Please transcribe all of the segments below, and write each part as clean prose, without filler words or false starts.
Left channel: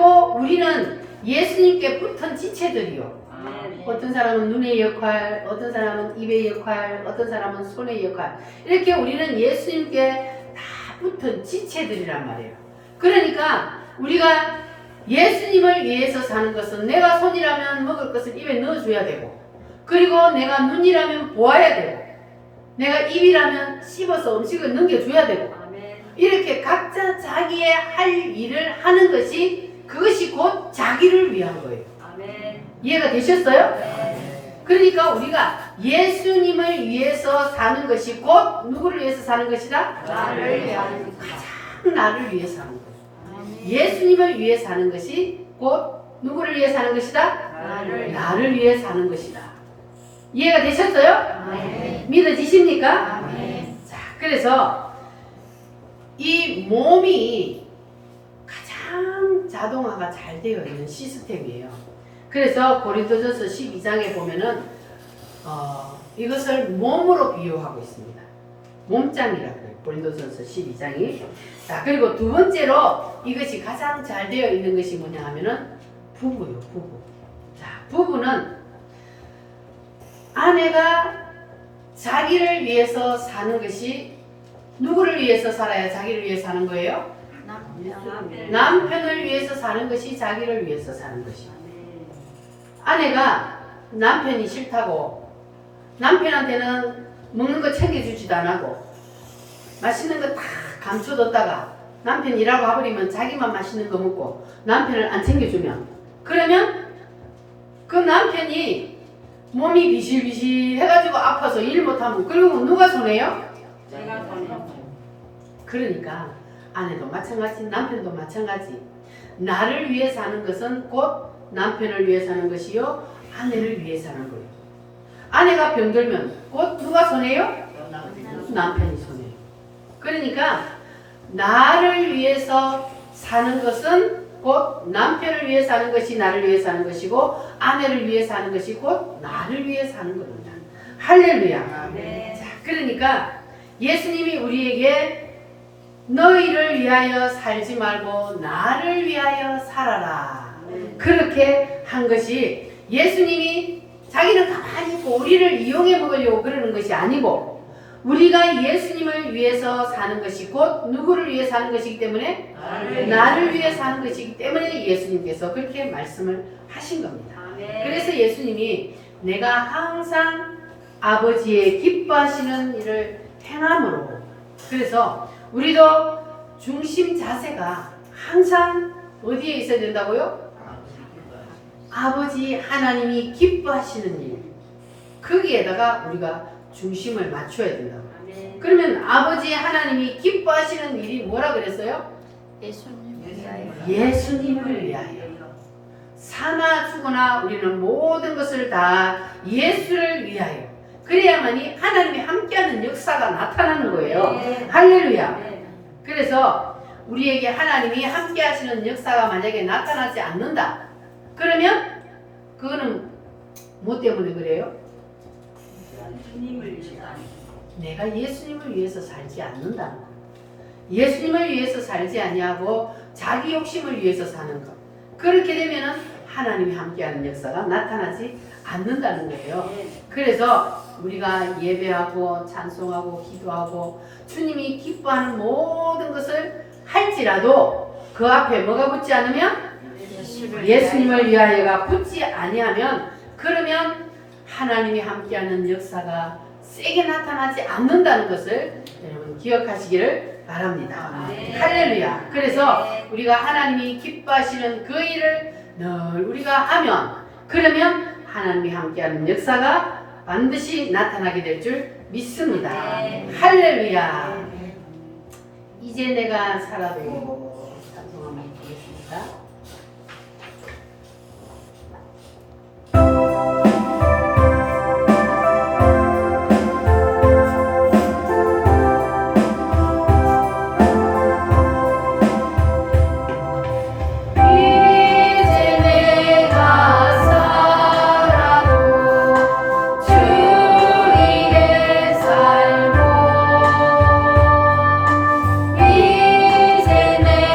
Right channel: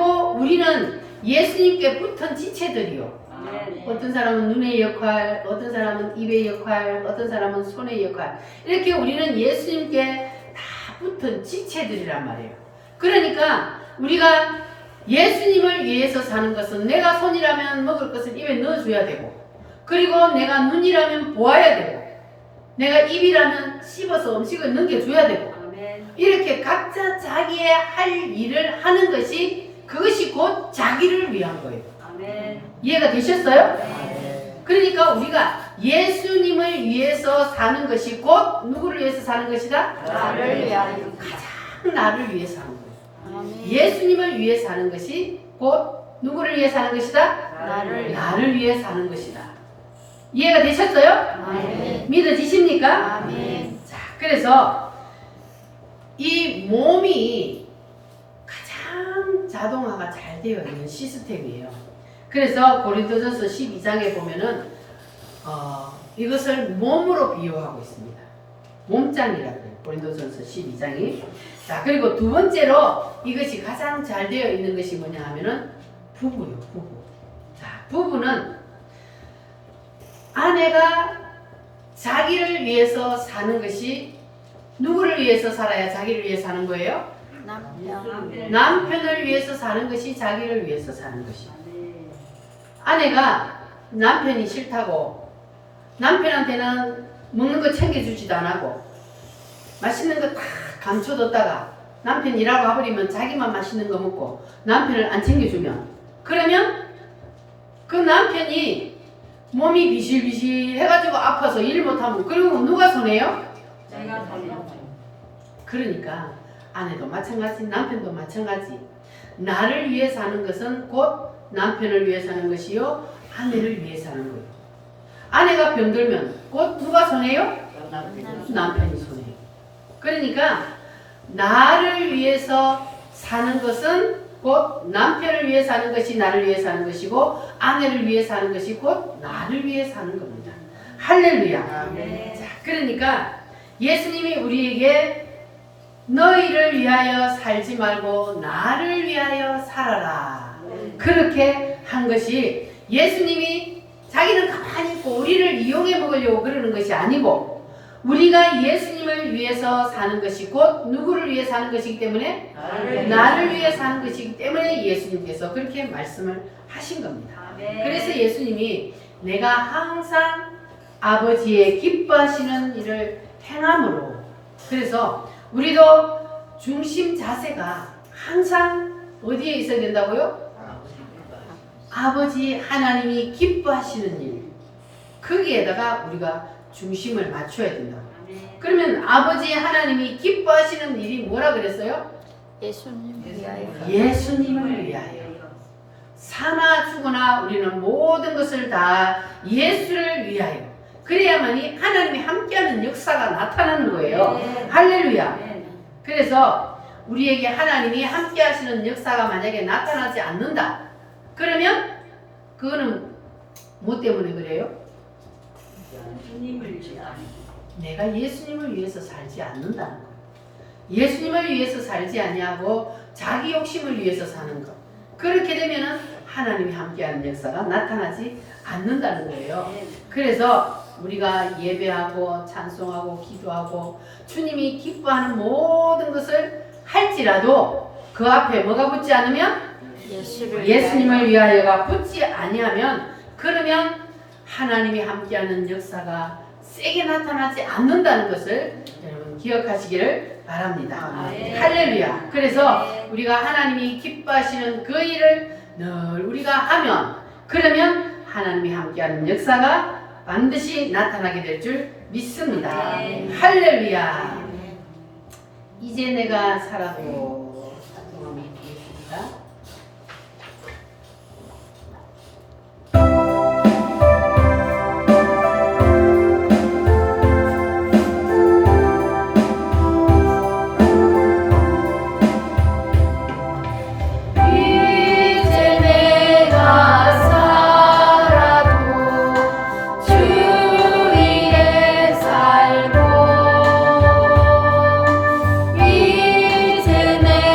그리고 우리는 예수님께 붙은 지체들이요. 어떤 사람은 눈의 역할, 어떤 사람은 입의 역할, 어떤 사람은 손의 역할. 이렇게 우리는 예수님께 다 붙은 지체들이란 말이에요. 그러니까 우리가 예수님을 위해서 사는 것은 내가 손이라면 먹을 것을 입에 넣어줘야 되고, 그리고 내가 눈이라면 보아야 되고, 내가 입이라면 씹어서 음식을 넘겨줘야 되고, 이렇게 각자 자기의 할 일을 하는 것이, 그것이 곧 자기를 위한 거예요. 이해가 되셨어요? 그러니까 우리가 예수님을 위해서 사는 것이 곧 누구를 위해서 사는 것이다? 가장 나를 위해 사는 것. 예수님을 위해 사는 것이 곧 누구를 위해 사는 것이다? 나를 위해 사는 것이다. 이해가 되셨어요? 믿어지십니까? 자, 그래서 이 몸이 가장 자동화가 잘 되어 있는 시스템이에요. 그래서 고린도전서 12장에 보면은 이것을 몸으로 비유하고 있습니다. 몸짱이라고 해요. 고린도전서 12장이. 자, 그리고 두 번째로 이것이 가장 잘 되어 있는 것이 뭐냐 하면은 부부요, 부부. 자, 부부는 아내가 자기를 위해서 사는 것이, 누구를 위해서 살아야 자기를 위해 사는 거예요? 남편을 위해서 사는 것이 자기를 위해서 사는 것이에요. 아내가 남편이 싫다고 남편한테는 먹는 거 챙겨주지도 안 하고 맛있는 거 다 감춰뒀다가 남편 일하고 와버리면 자기만 맛있는 거 먹고 남편을 안 챙겨주면, 그러면 그 남편이 몸이 비실비실 해가지고 아파서 일 못하면 그리고 누가 손해요? 그러니까 아내도 마찬가지, 남편도 마찬가지. 나를 위해 사는 것은 곧 남편을 위해 사는 것이요, 아내를 위해 사는 거예요. 아내가 병들면 곧 누가 손해요? 남편이 손해요. 그러니까 나를 위해서 사는 것은 곧 남편을 위해 사는 것이 나를 위해 사는 것이고, 아내를 위해 사는 것이 곧 나를 위해 사는 겁니다. 할렐루야. 자, 그러니까 예수님이 우리에게 너희를 위하여 살지 말고 나를 위하여 살아라, 그렇게 한 것이, 예수님이 자기는 가만히 있고 우리를 이용해 먹으려고 그러는 것이 아니고, 우리가 예수님을 위해서 사는 것이 곧 누구를 위해 사는 것이기 때문에, 나를 위해 사는 것이기 때문에 예수님께서 그렇게 말씀을 하신 겁니다. 그래서 예수님이 내가 항상 아버지의 기뻐하시는 일을 행함으로, 그래서 우리도 중심 자세가 항상 어디에 있어야 된다고요? 아버지 하나님이 기뻐하시는 일, 거기에다가 우리가 중심을 맞춰야 된다고. 그러면 아버지 하나님이 기뻐하시는 일이 뭐라 그랬어요? 예수님을 위하여. 사나 죽으나 우리는 모든 것을 다 예수를 위하여. 그래야만이 하나님이 함께하는 역사가 나타나는 거예요. 할렐루야. 그래서 우리에게 하나님이 함께하시는 역사가 만약에 나타나지 않는다, 그러면 그거는 뭐 때문에 그래요? 내가 예수님을 위해서 살지 않는다는 거예요. 예수님을 위해서 살지 아니하고 자기 욕심을 위해서 사는 것. 그렇게 되면은 하나님이 함께하는 역사가 나타나지 않는다는 거예요. 그래서 우리가 예배하고 찬송하고 기도하고 주님이 기뻐하는 모든 것을 할지라도 그 앞에 뭐가 붙지 않으면, 예수님을 위하여가 붙지 아니하면, 그러면 하나님이 함께하는 역사가 세게 나타나지 않는다는 것을 여러분 기억하시기를 바랍니다. 할렐루야. 그래서 우리가 하나님이 기뻐하시는 그 일을 늘 우리가 하면, 그러면 하나님이 함께하는 역사가 반드시 나타나게 될 줄 믿습니다. 할렐루야. 이제 내가 살아도 찬송하면 되겠습니다. 이제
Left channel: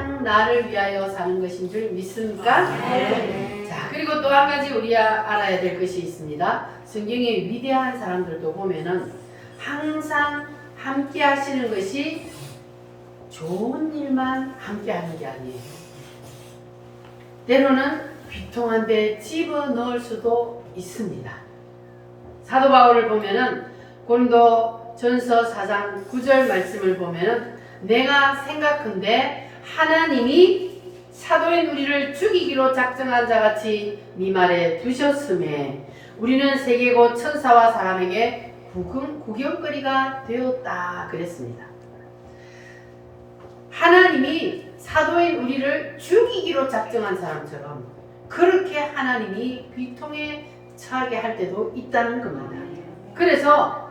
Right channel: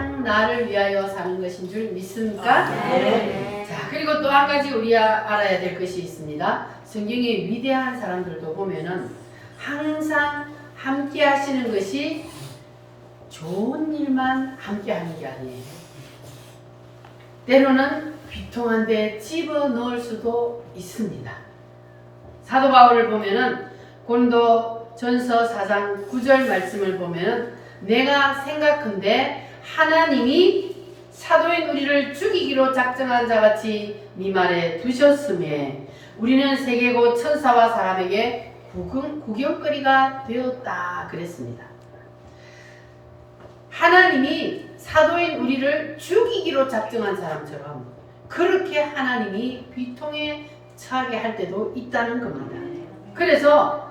항상 나를 위하여 사는 것인 줄 믿습니까? 네. 자, 그리고 또 한 가지 우리가 알아야 될 것이 있습니다. 성경의 위대한 사람들도 보면은 항상 함께 하시는 것이 좋은 일만 함께 하는 게 아니에요. 때로는 비통한 데 집어넣을 수도 있습니다. 사도 바울을 보면은 고린도 전서 4장 9절 말씀을 보면은 내가 생각한데 하나님이 사도의 우리를 죽이기로 작정한 자같이 네 말에 두셨음에 우리는 세계고 천사와 사람에게 구경거리가 되었다 그랬습니다. 하나님이 사도인 우리를 죽이기로 작정한 사람처럼 그렇게 하나님이 비통에 처하게 할 때도 있다는 겁니다. 그래서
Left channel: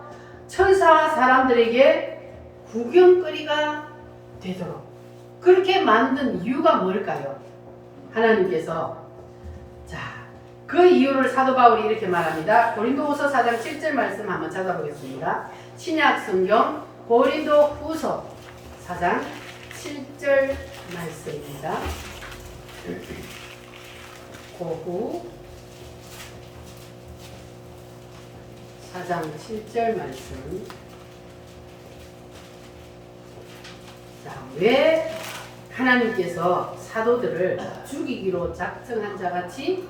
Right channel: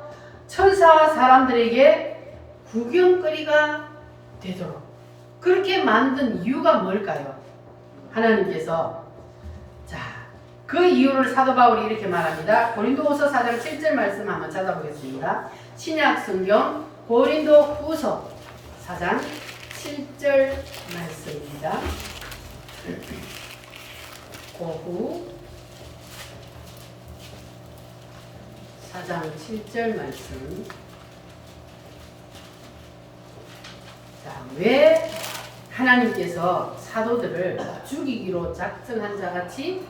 천사와 사람들에게 구경거리가 되도록 그렇게 만든 이유가 뭘까요? 하나님께서 그 이유를 사도 바울이 이렇게 말합니다. 고린도후서 4장 7절 말씀 한번 찾아보겠습니다. 신약 성경 고린도후서 4장 7절 말씀입니다. 고후 4장 7절 말씀. 자, 왜 하나님께서 사도들을 죽이기로 작정한 자같이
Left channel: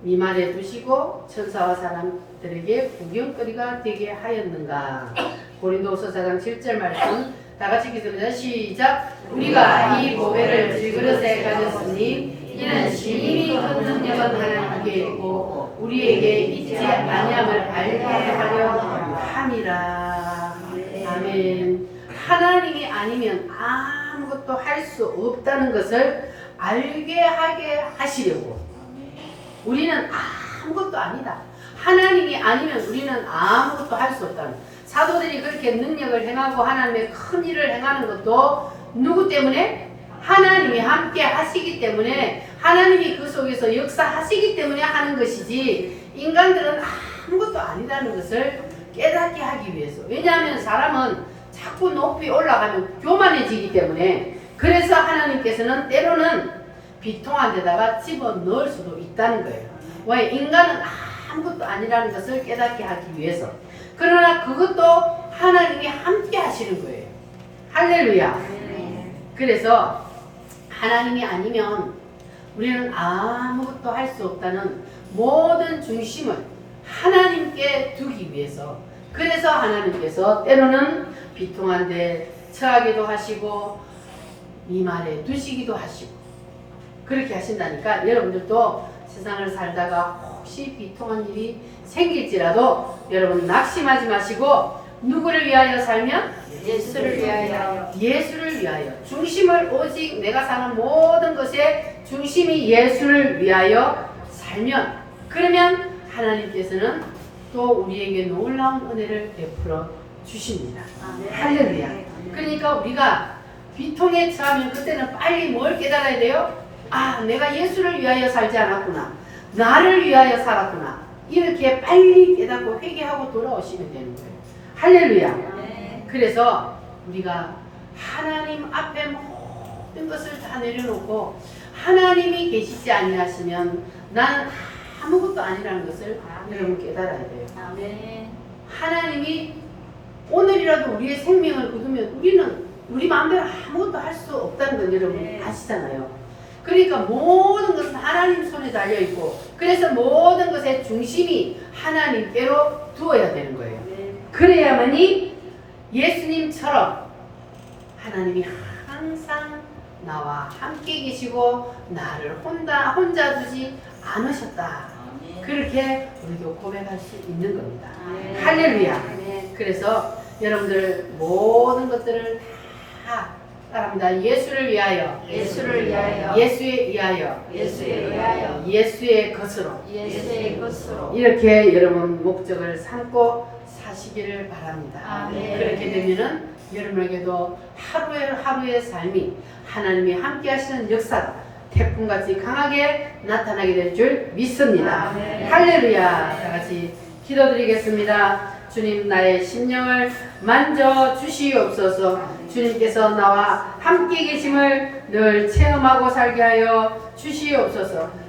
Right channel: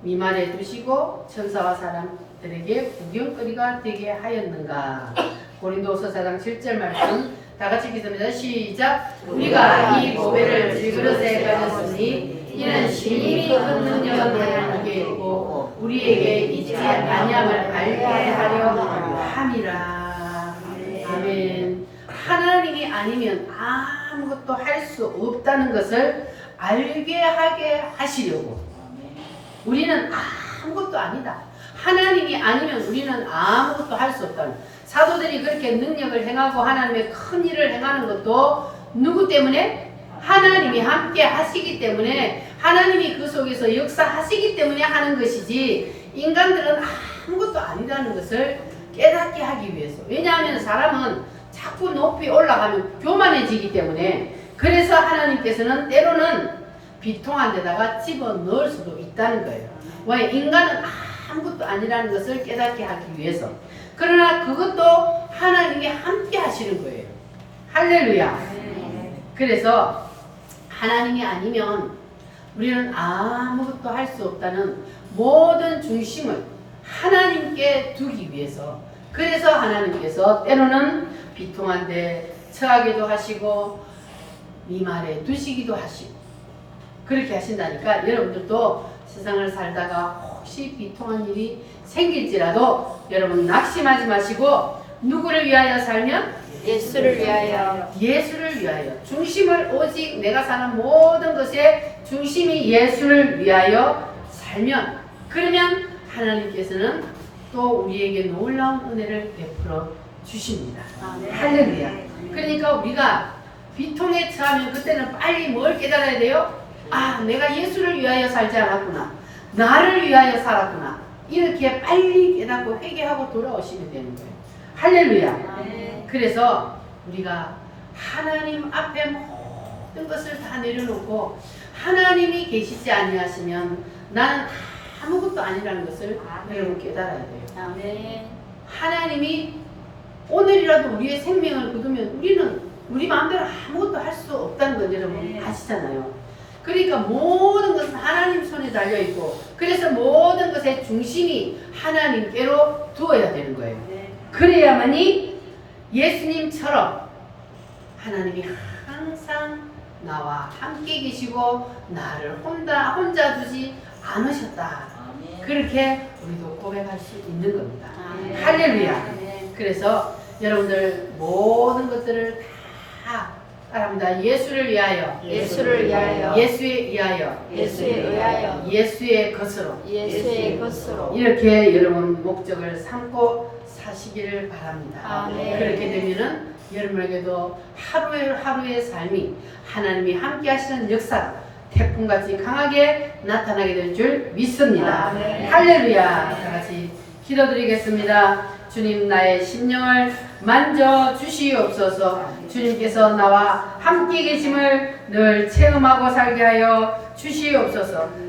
미말에 두시고 천사와 사람들에게 구경거리가 되게 하였는가? 고린도후서 4장 7절 말씀 다 같이 읽겠습니다. 시작. 우리가 이 보배를 질그릇에 가졌으니 이는 심히 큰 능력은 하나님께 있고 우리에게 있지 아니함을 알게 하려 함이라. 아멘. 하나님이 아니면 아무것도 할 수 없다는 것을 알게 하게 하시려고. 우리는 아무것도 아니다. 하나님이 아니면 우리는 아무것도 할 수 없다는. 사도들이 그렇게 능력을 행하고 하나님의 큰 일을 행하는 것도 누구 때문에? 하나님이 함께 하시기 때문에, 하나님이 그 속에서 역사하시기 때문에 하는 것이지 인간들은 아무것도 아니다는 것을 깨닫게 하기 위해서. 왜냐하면 사람은 자꾸 높이 올라가면 교만해지기 때문에. 그래서 하나님께서는 때로는 비통한 데다가 집어넣을 수도 있다는 거예요. 왜? 인간은 아무것도 아니라는 것을 깨닫게 하기 위해서. 그러나 그것도 하나님이 함께 하시는 거예요. 할렐루야. 그래서 하나님이 아니면 우리는 아무것도 할 수 없다는 모든 중심을 하나님께 두기 위해서. 그래서 하나님께서 때로는 비통한 데 처하기도 하시고 미말에 두시기도 하시고 그렇게 하신다니까. 여러분들도 세상을 살다가 혹시 비통한 일이 생길지라도 여러분 낙심하지 마시고 누구를 위하여 살면? 예수를 위하여. 예수를 위하여. 중심을 오직 내가 사는 모든 것의 중심이 예수를 위하여 살면, 그러면 하나님께서는 또 우리에게 놀라운 은혜를 베풀어 주십니다. 할렐루야. 그러니까 우리가 비통에 처하면 그때는 빨리 뭘 깨달아야 돼요? 아, 내가 예수를 위하여 살지 않았구나. 나를 위하여 살았구나. 이렇게 빨리 깨닫고 회개하고 돌아오시면 되는 거예요. 할렐루야. 그래서 우리가 하나님 앞에 모든 것을 다 내려놓고 하나님이 계시지 아니하시면 나는 아무것도 아니라는 것을 여러분 깨달아야 돼요. 하나님이 오늘이라도 우리의 생명을 거두면 우리는 우리 마음대로 아무것도 할 수 없다는 걸 여러분 아시잖아요. 그러니까 모든 것은 하나님 손에 달려있고, 그래서 모든 것의 중심이 하나님께로 두어야 되는 거예요. 그래야만이 예수님처럼 하나님이 항상 나와 함께 계시고 나를 혼자 두지 않으셨다. 그렇게 우리도 고백할 수 있는 겁니다. 할렐루야. 그래서 여러분들 모든 것들을 다 따라합니다. 예수를 위하여, 예수를 위하여, 예수에 위하여, 예수에 위하여, 예수의 것으로, 예수의 것으로 이렇게 여러분 목적을 삼고 사시기를 바랍니다. 아멘. 그렇게 되면은 여러분에게도 하루의 삶이 하나님이 함께 하시는 역사가 태풍같이 강하게 나타나게 될 줄 믿습니다. 아멘. 할렐루야. 다 같이 기도드리겠습니다. 주님 나의 심령을 만져 주시옵소서. 주님께서 나와 함께 계심을 늘 체험하고 살게 하여 주시옵소서.